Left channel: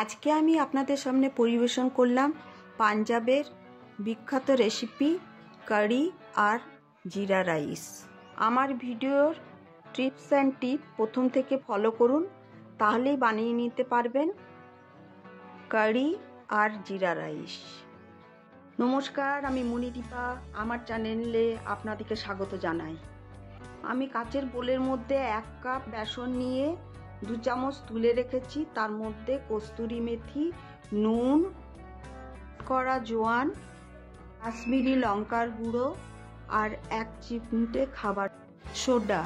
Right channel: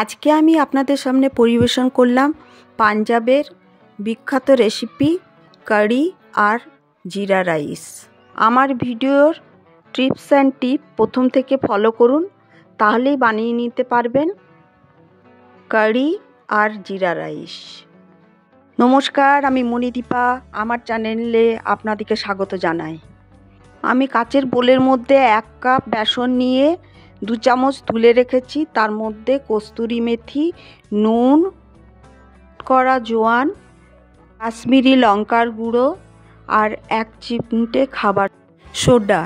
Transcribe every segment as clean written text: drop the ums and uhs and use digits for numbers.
আজকে আমি আপনাদের সামনে পরিবেশন করলাম পাঞ্জাবের বিখ্যাত রেসিপি কারি আর জিরা রাইস। আমার ভিডিওর টিপস অ্যান্ড টিপ প্রথম থেকে ফলো করুন, তাহলেই বানিয়ে নিতে পারবেন কারি আর জিরা রাইস। নমস্কার, আমি মণিদীপা, আমার চ্যানেলে আপনাদেরকে স্বাগত জানাই। আমি কাচের বোলের মধ্যে 1 কাপ বেসন নিয়ে 2 চামচ তুলে রেখেছি। তার মধ্যে কস্তুরি মেথি, নুন, করা জোয়ান, কাশ্মীরি লঙ্কার গুঁড়ো আর 1 চিমটে খাবার সোডা।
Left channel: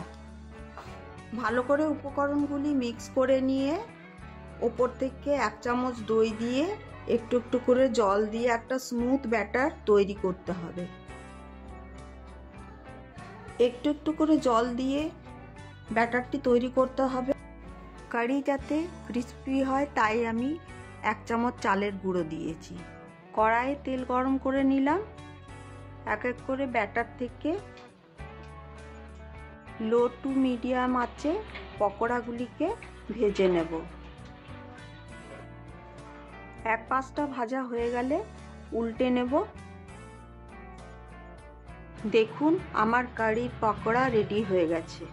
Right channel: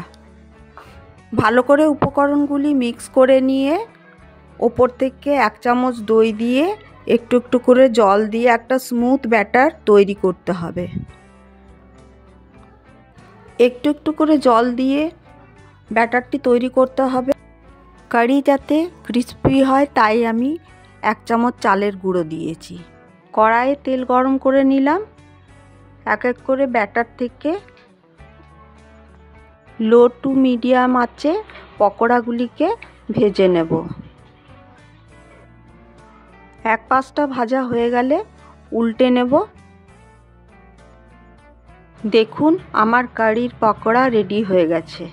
ভালো করে উপকরণগুলি মিক্স করে নিয়ে ওপর থেকে 1 চামচ দই দিয়ে একটু একটু করে জল দিয়ে একটা স্মুথ ব্যাটার তৈরি করতে হবে। একটু একটু করে জল দিয়ে ব্যাটারটি তৈরি করতে হবে। কারি যাতে ক্রিস্পি হয় তাই আমি 1 চামচ চালের গুঁড়ো দিয়েছি। কড়াইয়ে তেল গরম করে নিলাম। এক এক করে ব্যাটার থেকে লো টু মিডিয়াম আঁচে পকোড়াগুলিকে ভেজে নেব। এক পাশটা ভাজা হয়ে গেলে উল্টে নেব। দেখুন আমার কারির পকোড়া রেডি হয়ে গেছে।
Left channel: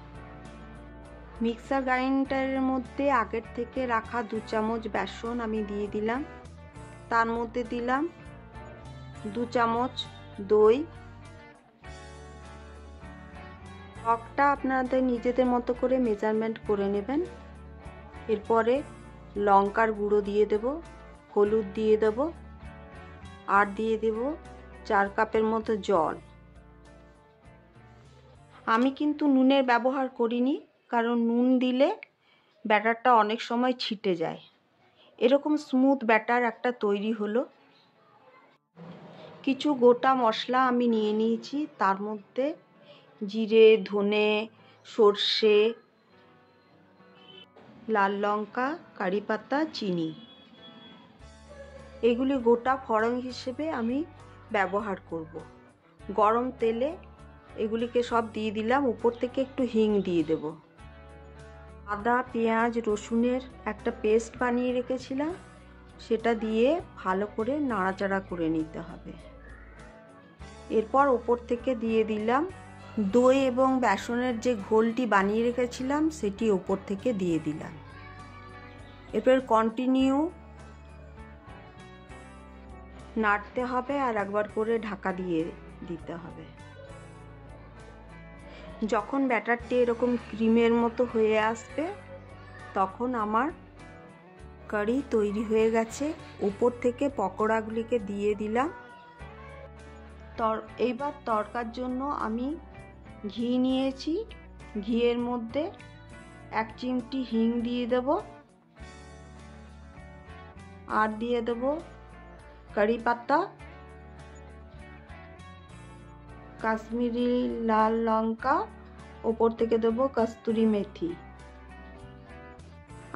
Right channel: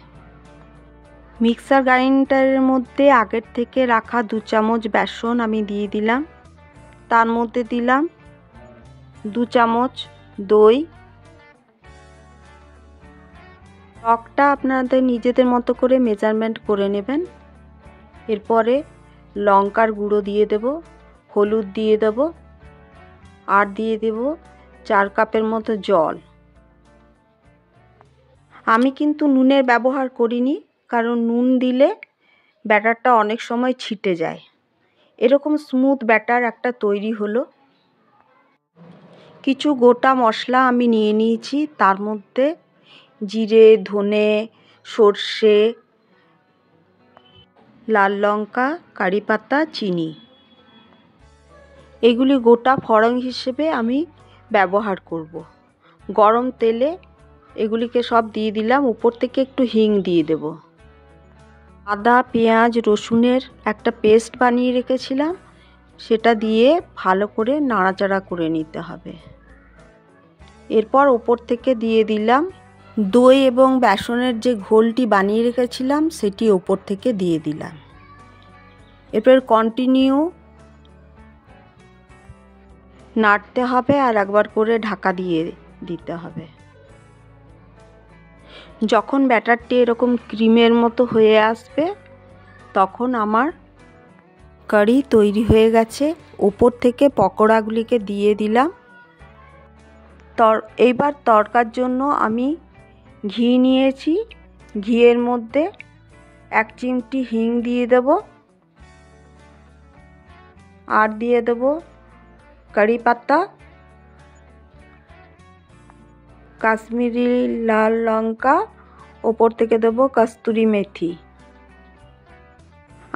মিক্সার গ্রাইন্ডারের মধ্যে আগের থেকে রাখা 2 চামচ বেসন আমি দিয়ে দিলাম। তার মধ্যে দিলাম 2 চামচ দই। টকটা আপনাদের নিজেদের মতো করে মেজারমেন্ট করে নেবেন। এরপরে লঙ্কার গুঁড়ো দিয়ে দেব, হলুদ দিয়ে দেব আর দিয়ে দেব 4 কাপের মতো জল। আমি কিন্তু নুনের ব্যবহার করিনি, কারণ নুন দিলে ব্যাটারটা অনেক সময় ছিটে যায়। এরকম স্মুথ ব্যাটার একটা তৈরি হলো। কিছু গোটা মশলা আমি নিয়ে নিয়েছি, তার মধ্যে জিরে, ধনে, সর্ষে, লাল লঙ্কা, কারি পাতা, চিনি, এগুলি গোটা ফোড়ন হিসেবে আমি ব্যবহার করব। গরম তেলে এগুলিকে সব দিয়ে দিলাম। উপর থেকে একটু হিং দিয়ে দেব। আদা, পেঁয়াজ, রসুনের একটা পেস্ট বানিয়ে রেখেছিলাম, সেটা দিয়ে ভালো করে নাড়াচাড়া করে নিতে হবে। এরপর ওপর থেকে দিয়ে দিলাম দই এবং বেসনের যে ঘোলটি বানিয়ে রেখেছিলাম, সেটি ওপর থেকে দিয়ে দিলাম। এরপর কন্টিনিউ নাড়তে হবে আর একবার করে ঢাকা দিয়ে দিতে হবে। যখন ব্যাটারটি এরকম ক্রিমের মতো হয়ে আসবে, তখন আমার কারি তৈরি হয়ে গেছে। ওপর থেকে পকোড়াগুলিকে দিয়ে দিলাম। এইবার তড়কার জন্য আমি ঘি নিয়েছি। ঘিয়ের মধ্যে 1 চিমটি হিং দিয়ে দেব আর দিয়ে দেব কারি পাতা, কাশ্মীরি লাল লঙ্কা, ওপর থেকে দেব কস্তুরি মেথি।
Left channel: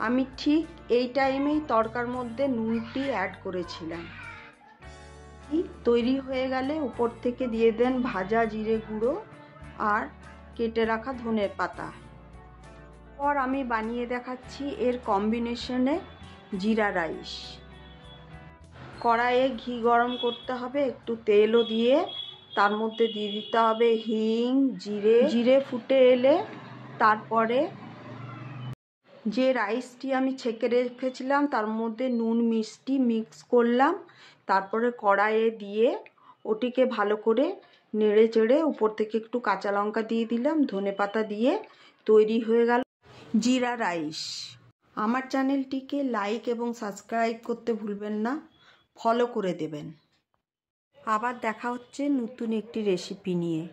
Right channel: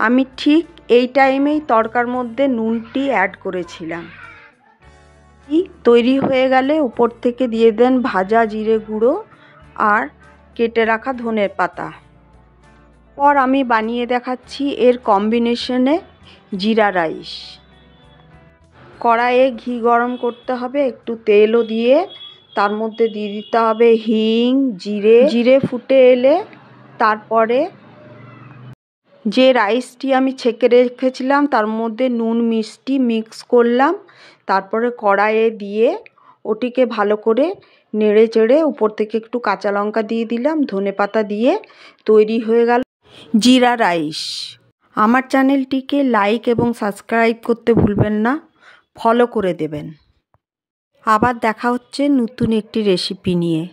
আমি ঠিক এই টাইমেই তড়কার মধ্যে নুনটি অ্যাড করেছিলাম। তৈরি হয়ে গেলে উপর থেকে দিয়ে দেন ভাজা জিরে গুঁড়ো আর কেটে রাখা ধনের পাতা। পর আমি বানিয়ে দেখাচ্ছি এর কম্বিনেশনে জিরা রাইস। কড়াইয়ে ঘি গরম করতে হবে, একটু তেলও দিয়ে তার মধ্যে দিয়ে দিতে হবে হিং, জিরে ফুটে এলে তারপরে যে রাইসটি আমি ছেঁকে রেখেছিলাম তার মধ্যে নুন মিষ্টি মিক্স করলাম। তারপরে কড়াইয়ে দিয়ে ওটিকে ভালো করে নেড়ে চেড়ে উপর থেকে একটু কাঁচা লঙ্কা দিয়ে দিলাম, ধনেপাতা দিয়ে তৈরি হয়ে গেল জিরা রাইস। আমার চ্যানেলটিকে লাইক এবং সাবস্ক্রাইব করতে ভুলবেন না, ফলো করে দেবেন। আবার দেখা হচ্ছে নতুন একটি রেসিপি নিয়ে।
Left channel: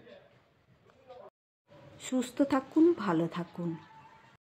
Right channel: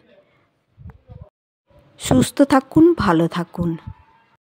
সুস্থ থাকুন, ভালো থাকুন।